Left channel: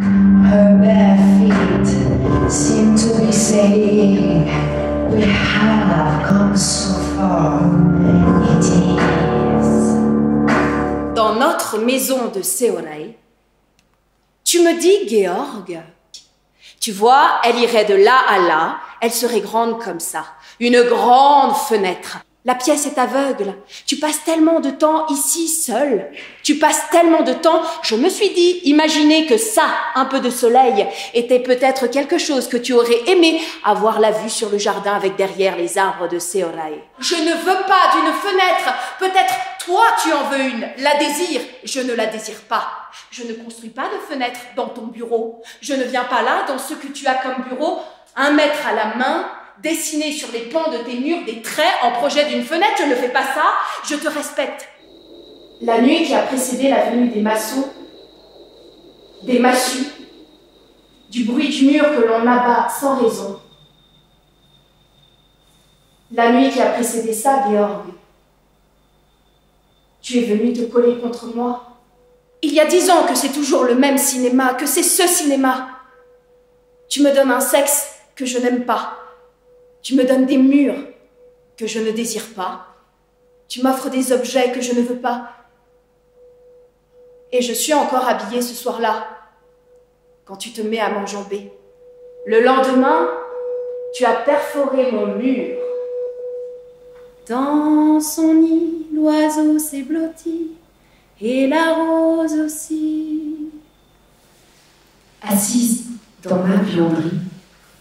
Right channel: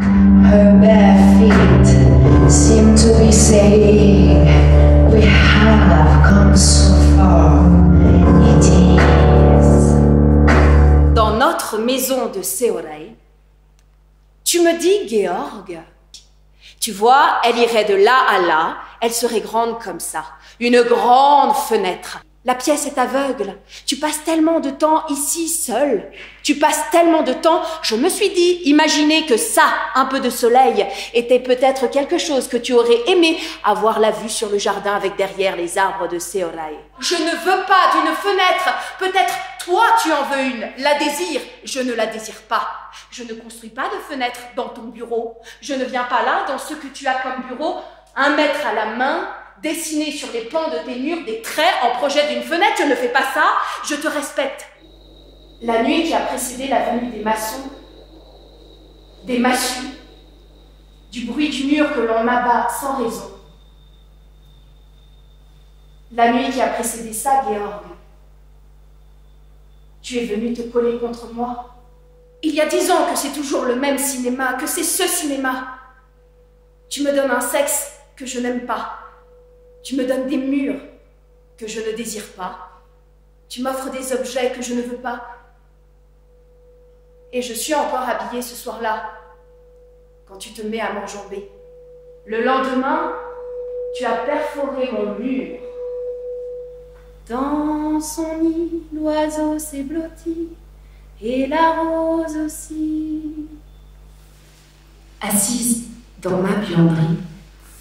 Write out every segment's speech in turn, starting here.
Her bare feet seem to be saying, we have come so far. It is. Dans notre maison de Seorai, tu me dis, Georg, tu vois, elle irait de là à là, elle serait grande comme ça, une grande fenêtre. La pièce est aveugle. Tu passes tellement de temps ici seul. Tu passes tellement de temps. Je me suis dit, imaginez que ça, un peu de soleil, était peut-être quelque chose que tu aurais aimé avoir la vue sur le jardin avec derrière les arbres de Seorai. Je ne veux pas d'une fenêtre. Peut-être toi tu en veux une. La désires. Je ne la désire pas. Je ne construis pas de fenêtre dans ton bureau. Je ne viens pas là dans ce que tu as comme bureau, 1 mètre à la main, dessiner sur les pans de tes murs des traits en projet d'une fenêtre. Je ne fais pas ça, je te respecte. La nuit qui a précédé la venue des maçons, des massues, du bruit du mur que l'on abat sans raison. La nuit qui a précédé ça, Georg, tu es venu te coller contre moi. Il y a 10 ans que c'est toujours le même cinéma, que c'est ce cinéma. Tu me donnes un sexe que je n'aime pas. Tu me donnes des murs que je ne désire pas. Tu m'offres des objets que je ne veux pas. Et je suis encore habillée ce soir-là, quand tu te mets à m'enjamber. Le lendemain, tu as perforé mon mur. Dans son nid, l'oiseau s'est blotti, et la rose aussi. Assise dans ma buanderie,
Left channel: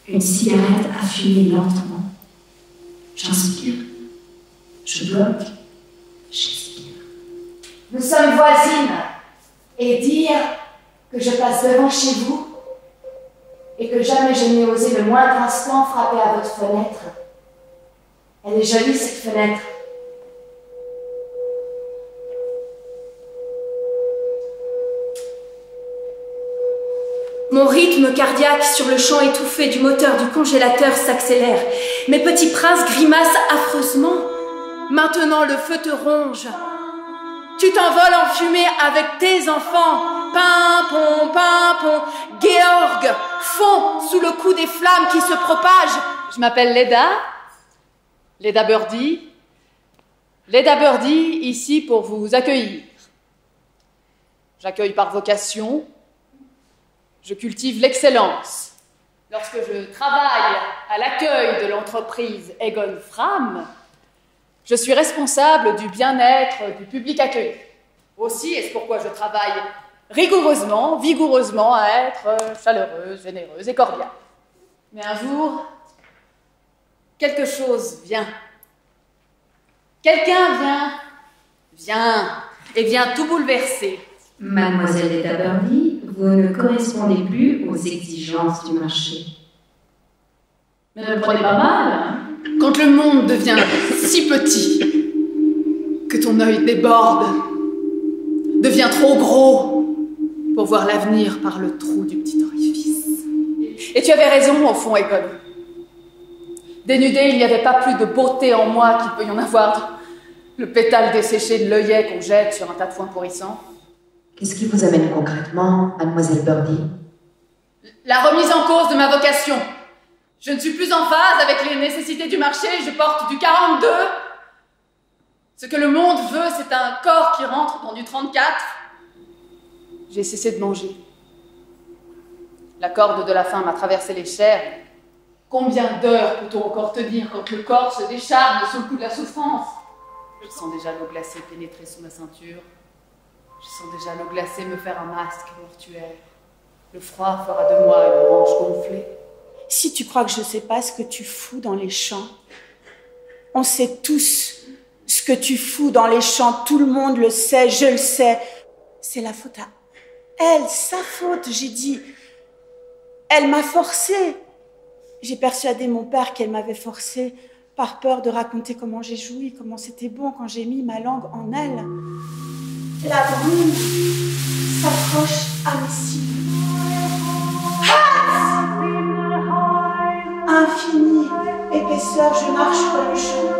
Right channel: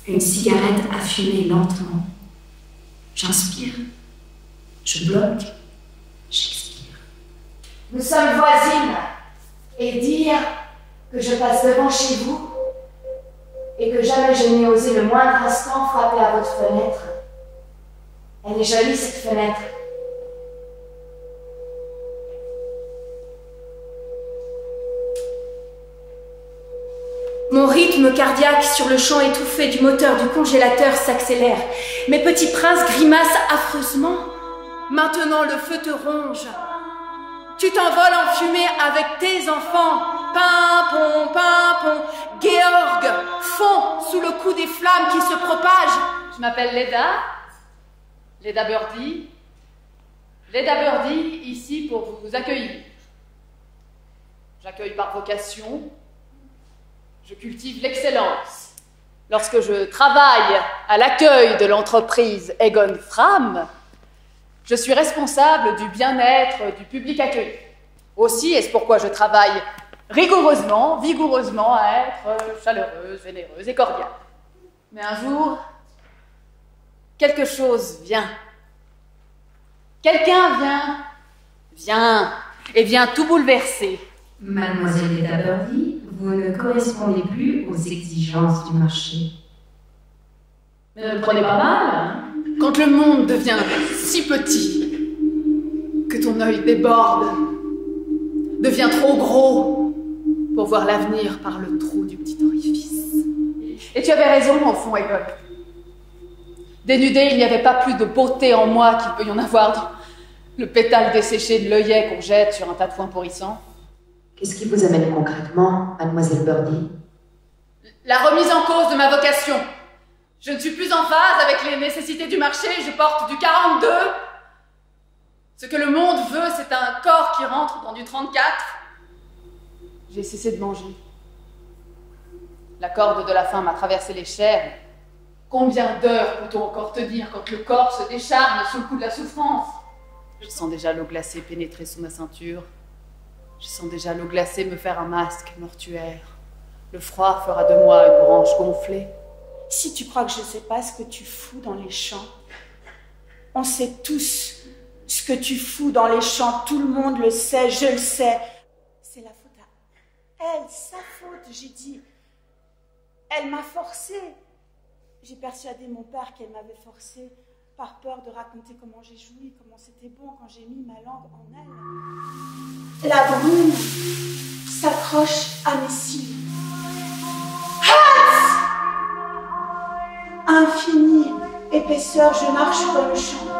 une cigarette a fumé lentement. J'inspire, je bloque, j'expire. Nous sommes voisines, et dire que je passe devant chez vous et que jamais je n'ai osé le moindre instant frapper à votre fenêtre. Elle est jolie, cette fenêtre. Mon rythme cardiaque sur le champ étouffé du moteur du congélateur s'accélère. Mes petits princes grimacent affreusement. Maintenant le feu te ronge. Tu t'envoles en fumée avec tes enfants. Pimpon, pimpon. Georg fond sous le coup des flammes qui se propagent. Je m'appelle Leda Birdie. Leda Birdie, ici pour vous accueillir. J'accueille par vocation. Je cultive l'excellence. Lorsque je travaille à l'accueil de l'entreprise Egon Fram, je suis responsable du bien-être du public accueilli. Aussi, est-ce pourquoi je travaille rigoureusement, vigoureusement à être chaleureuse, généreuse et cordiale. Mais un jour, quelque chose vient. Quelqu'un vient et vient tout bouleverser. Mademoiselle Leda Birdie, vous ne correspondez plus aux exigences du marché. Mais ne le prenez pas mal, hein? Quand le monde devient si petit que ton œil déborde, devient trop gros pour voir l'avenir par le trou du petit orifice. Et tu avais raison, au fond, Egon. Dénudé, il n'y avait pas plus de beauté en moi qu'il peut y en avoir. Le pétale desséché de l'œillet qu'on jette sur un tas de foin pourrissant. Qu'est-ce qui vous amène concrètement, Mademoiselle Birdie? La remise en cause de ma vocation. Je ne suis plus en phase avec les nécessités du marché, je porte du 42. Ce que le monde veut, c'est un corps qui rentre dans du 34. J'ai cessé de manger. La corde de la faim m'a traversé les chairs. Combien d'heures peut-on encore tenir quand le corps se décharne sous le coup de la souffrance? Je sens déjà l'eau glacée pénétrer sous ma ceinture. Je sens déjà l'eau glacée me faire un masque mortuaire. Le froid fera de moi une branche gonflée. Si tu crois que je ne sais pas ce que tu fous dans les champs, on sait tous ce que tu fous dans les champs, tout le monde le sait, je le sais. C'est la faute à elle, sa faute, j'ai dit. Elle m'a forcée. J'ai persuadé mon père qu'elle m'avait forcée par peur de raconter comment j'ai joui, comment c'était bon quand j'ai mis ma langue en elle. La brume s'accroche à mes cils. Infinie épaisseur, je marche dans le champ.